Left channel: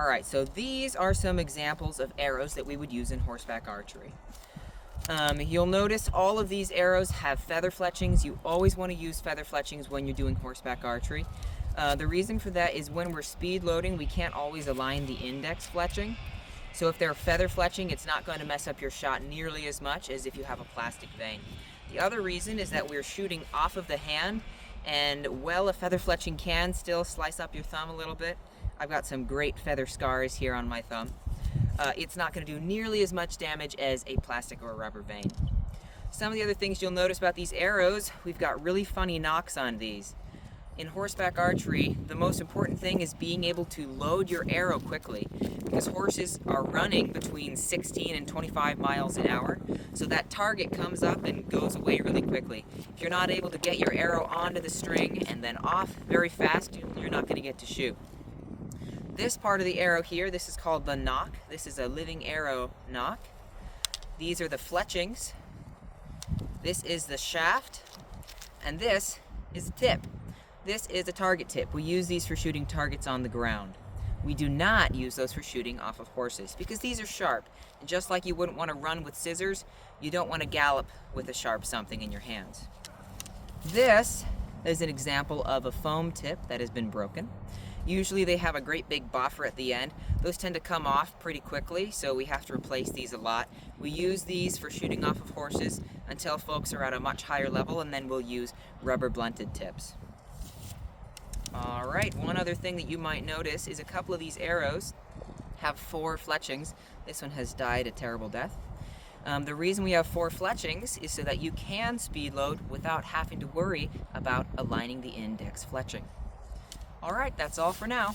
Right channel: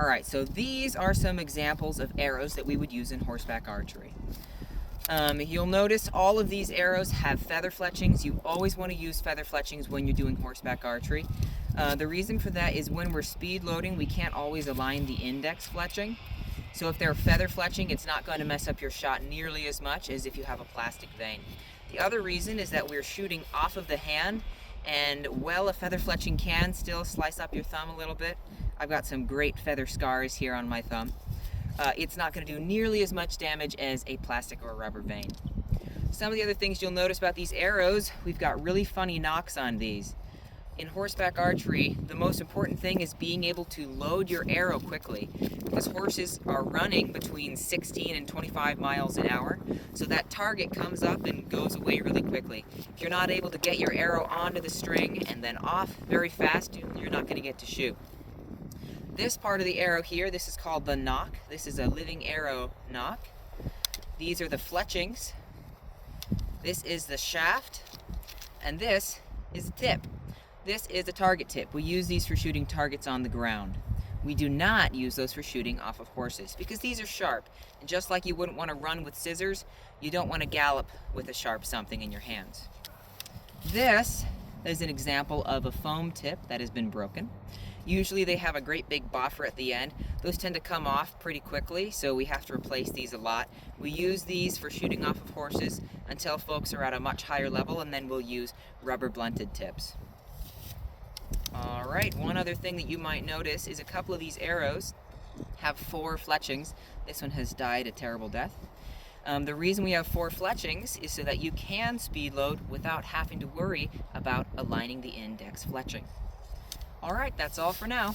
Alright, so these are some examples of arrows that we would use in horseback archery. You'll notice all of these arrows have feather fletchings. You always want to use feather fletchings when you're doing horseback archery. The reason for that is when we're speed loading, we can't always align the index fletching. So if they're feather fletching, it's not going to mess up your shot nearly as much as if you have a plastic vane. The other reason is that we're shooting off of the hand, and while a feather fletching can still slice up your thumb a little bit, I've got some great feather scars here on my thumb. It's not going to do nearly as much damage as a plastic or a rubber vane. Some of the other things you'll notice about these arrows, we've got really funny nocks on these. In horseback archery, the most important thing is being able to load your arrow quickly, because horses are running between 16 and 25 miles an hour, so that target comes up and goes away really quickly. If you're not able to get your arrow onto the string and then off very fast, you're not going to get to shoot. This part of the arrow here, this is called the nock. This is a living arrow nock. These are the fletchings. This is the shaft, and this is the tip. This is a target tip. We use these for shooting targets on the ground. We do not use those for shooting off of horses because these are sharp. And just like you wouldn't want to run with scissors, you don't want to gallop with a sharp something in your hands. This is an example of a foam tip that has been broken. Usually they have a great big buffer at the end. Those tend to come off pretty quickly, so we have to replace these a lot. We use these for shooting off of horses until folks are at a much higher level, and then we'll use rubber blunted tips. Alright, one other thing that you might notice is a couple of these arrows have 4 fletchings. This one has died a terrible death. The reason we have 4 fletchings is so that you can speed load without having to worry about aligning the index fletching. Alright, that's all for now.